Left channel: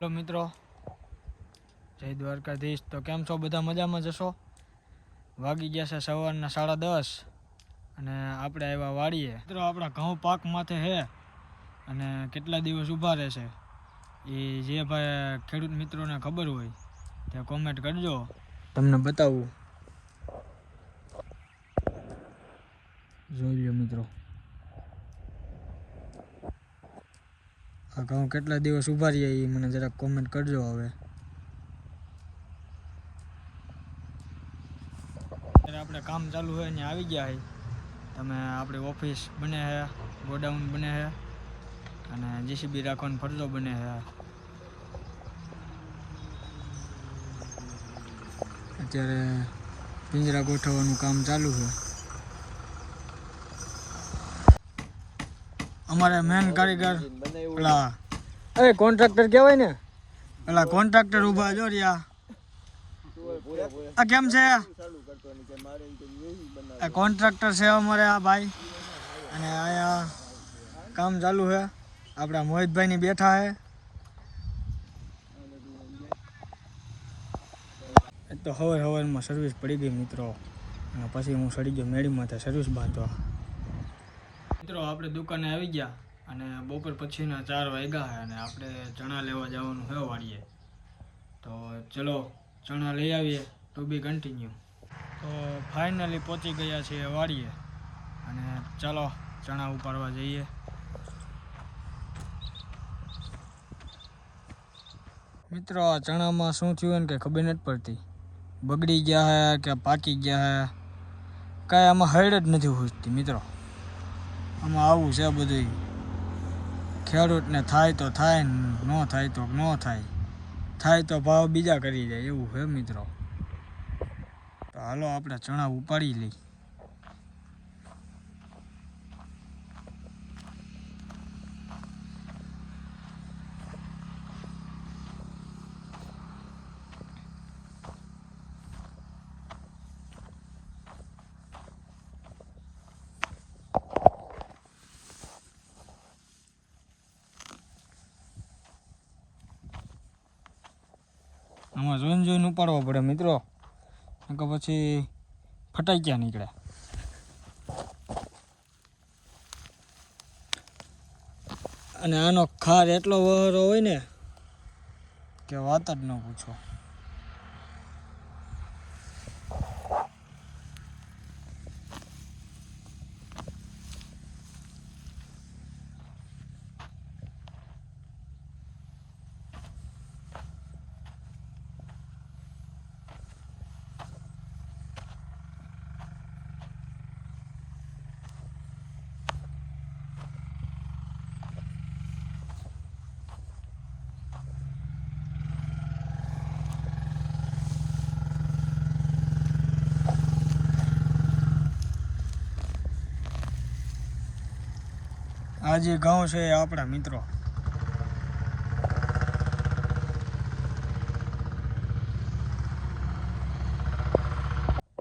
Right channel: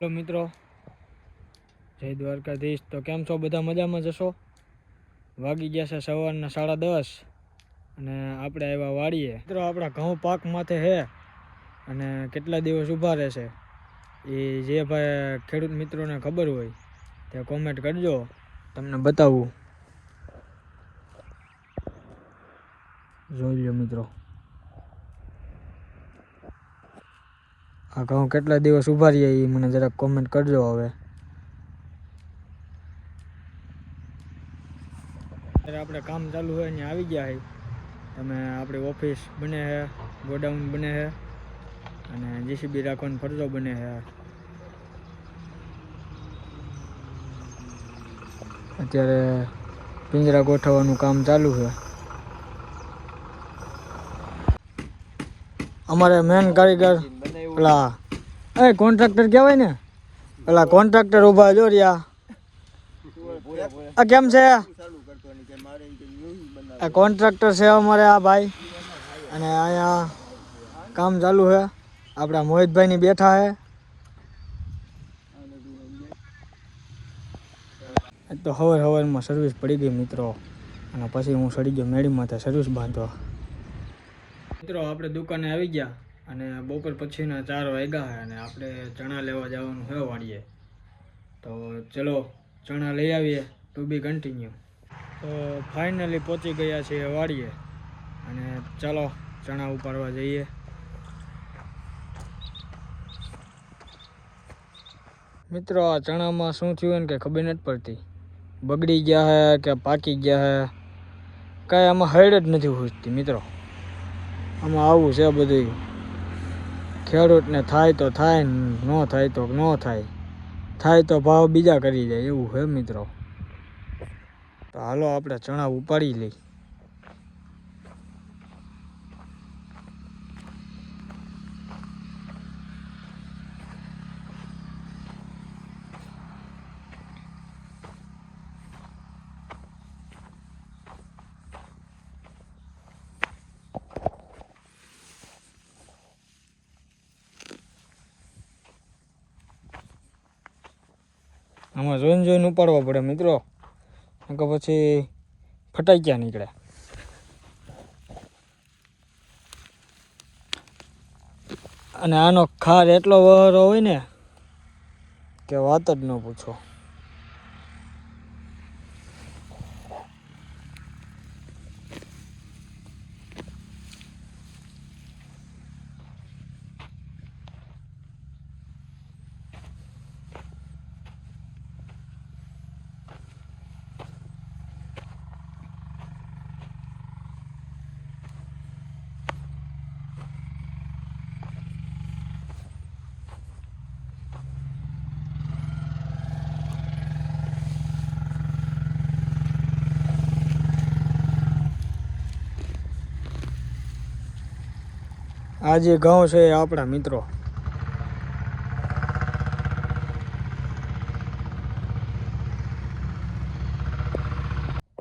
Hello મિત્રો, જય દ્વારકાધીશ. તો કેમ છો બધા? મજામાં જશો? વાગી ગયા છે સવારના 10:30 અને આપણે આવ્યા વાડીએ. મિત્રો આપણા ઘઉં પાક માથે છે અને કેટલા દિવસ ઊભા રહેશે એ જે ભાઈ ખેડૂત મિત્રોને ખબર હોય તે કોમેન્ટ કરજો, તમને બતાવું. જોઈ લો મિત્રો, આ ઘઉં કેટલા દિવસ ઊભા રહીએ એ મને જરાક કોમેન્ટ કરજો. હવે આપણે કામ ચાલુ હોય અહીંયા આવી ગયા છે. તમે આપણી ઓફિસ બને છે, ગોડાઉન બને છે અને જીસીબી રાખવાનો ફરજો બને છે. અત્યારે પિંજરા ગોઠવવાનું કામ ચાલુ છે. અમારે મેન કારીગર પેલા કોન્ટ્રાક્ટર કહેવાય ને, પેલા કોન્ટ્રાક્ટર ઊભા જો રહ્યા. આ કેમ છે? આ કોન્ટ્રાક્ટર છે અમારે આ ભાઈ, અને અહીંયા કામ ચાલુ છે. આપણા મોહિતભાઈની બેઠા છે. તો સવારમાં સર્વિસ પડી ગઈ મિત્રો, અને પછી હું સડી ગયો મેળીમાંથી સર્વિસ બાંધવા. મિત્રો આપણે દુકાને આવી ગયા અને બપોર પછીના 4 વાગ્યા છે અને આપણે ચણા લેવા જવાનું છે વાડીએ. તો ચલો ચણા લઈ આવીએ. ટુ બી કન્ટિન્યુ. તો ફાઇનલી પહોંચી ગયા છીએ વાડીએ અને ચાલો ચણા ઉપાડવા જઈએ. મિત્રો આ ચણામાં શું થયું ને કે ખબર નથી પડતી. બગડી ગયા હે કે પાકી ગયા હે, કાંઈ આમાં હૈડ જ નથી પૂછતી મિત્રો. આમાં આવું છે બધું. ખેડૂતને થાય તો થાય, ન થાય તો ન થાય, થાય તો ભાવ બીજા કરી જાય એવું છે મિત્રો. તો હાલો આપણે ચણા ઉપાડી લઈ. આમાં જોઈને ઉપાડવા પડે મિત્રો, કે પછી ફટાઈ ક્યાં નીકળે. અને આનો ખાર એટલો વહરો હોય ને કે વાત જ ન પૂછો. આ જે ઘઉં છે એ આપણા મિત્રો.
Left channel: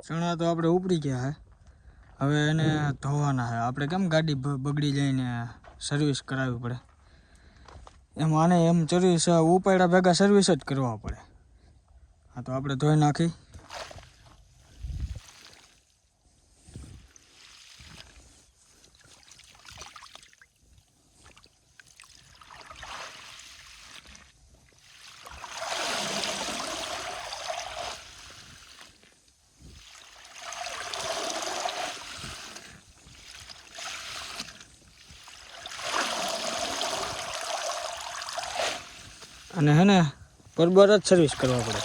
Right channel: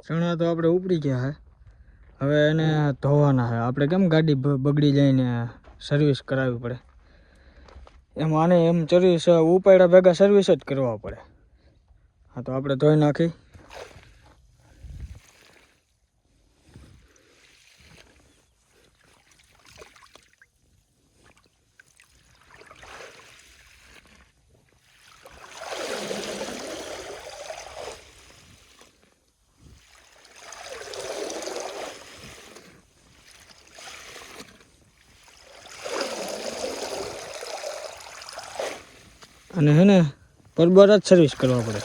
ચણા તો આપણે ઉપડી ગયા હે. હવે એને ધોવાના છે. આપણે કેમ ગાડી બગડી જઈને સર્વિસ કરાવવી પડે, એમ આને એમ સર્વિસ ઉપાડ્યા ભેગા સર્વિસ જ કરવા પડે. હા તો આપણે ધોઈ નાખી. અને હે ને બરોબર જ સર્વિસ કરવા પડે,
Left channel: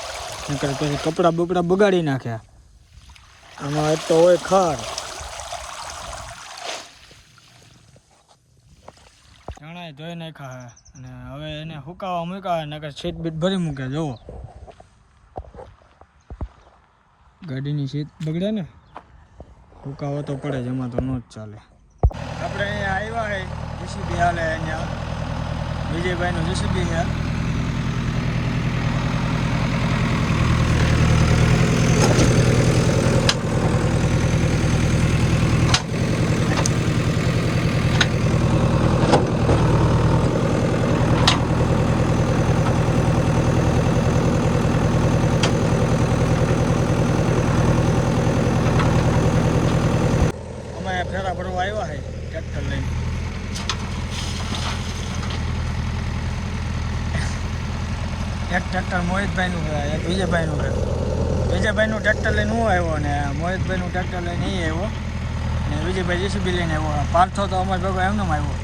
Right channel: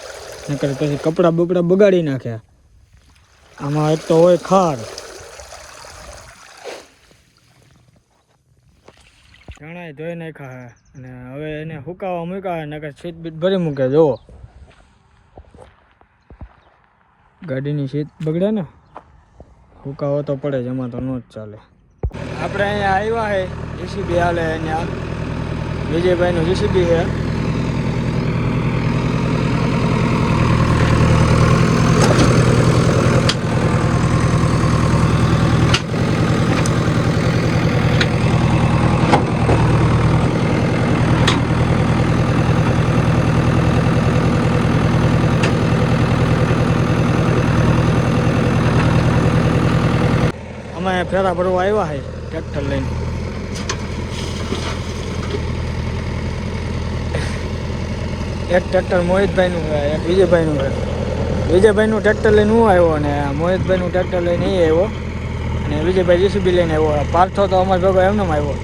નકર પછી કપડાં બપડા બગાડી નાખ્યા. આમાં એક તો હોય ખાડ. ચણા ધોઈ નાખ્યા છે અને હવે એને સુકાવા મૂક્યા, નકર સીટ બીટ ભરી મૂકે. જુઓ ગાડીની સીટ બગડે ને, સુકાવો તો પડે જ, એમાં તો ન જ ચાલે. આપણે અહીંયા આવ્યા છે જીસીબી હાલે. અહીંયા વિજયભાઈનું જીસીબી છે. ફેરા ભરવા આવ્યા છે ટ્રેક્ટર લઈને. એક ટ્રેક્ટર મોહિતભાઈનું છે, એક વિજયભાઈનું છે. વિજયભાઈનું ટ્રેક્ટર લઈને હું આવ્યો અને મોહિતભાઈનું ટ્રેક્ટર લઈને એ આવ્યો અને વિજયભાઈ જીસીબી લઈને આવ્યો. પાર્થો તો અમારા ભેગો એમને આવ્યો.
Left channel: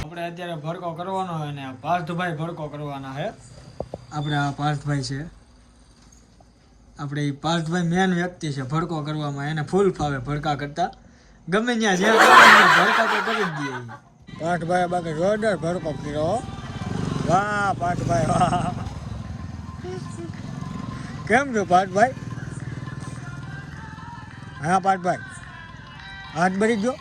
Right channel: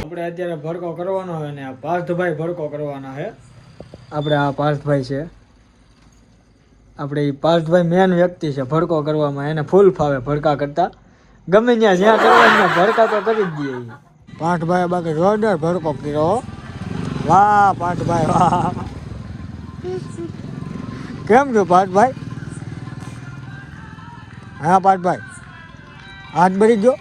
આપણે અત્યારે ભડકો કરવાનો હોય ને પાર્થભાઈ ભડકો કરવાના છે. આપણે આ પાર્થભાઈ છે, આપણે એ પાર્થભાઈ મેન વ્યક્તિ છે ભડકો કરવામાં. એને ફૂલ ફાવે ભડકા કરતા, ગમે જ્યાં કરવાના ભડકા તો કરી જ દઈએ. પાર્થભાઈ બાકી જોરદાર ભડકો કર્યો. વાહ પાર્થભાઈ વાહ. કેમ છો પાર્થભાઈ? હા પાર્થભાઈ હાથ ભરી ગયો.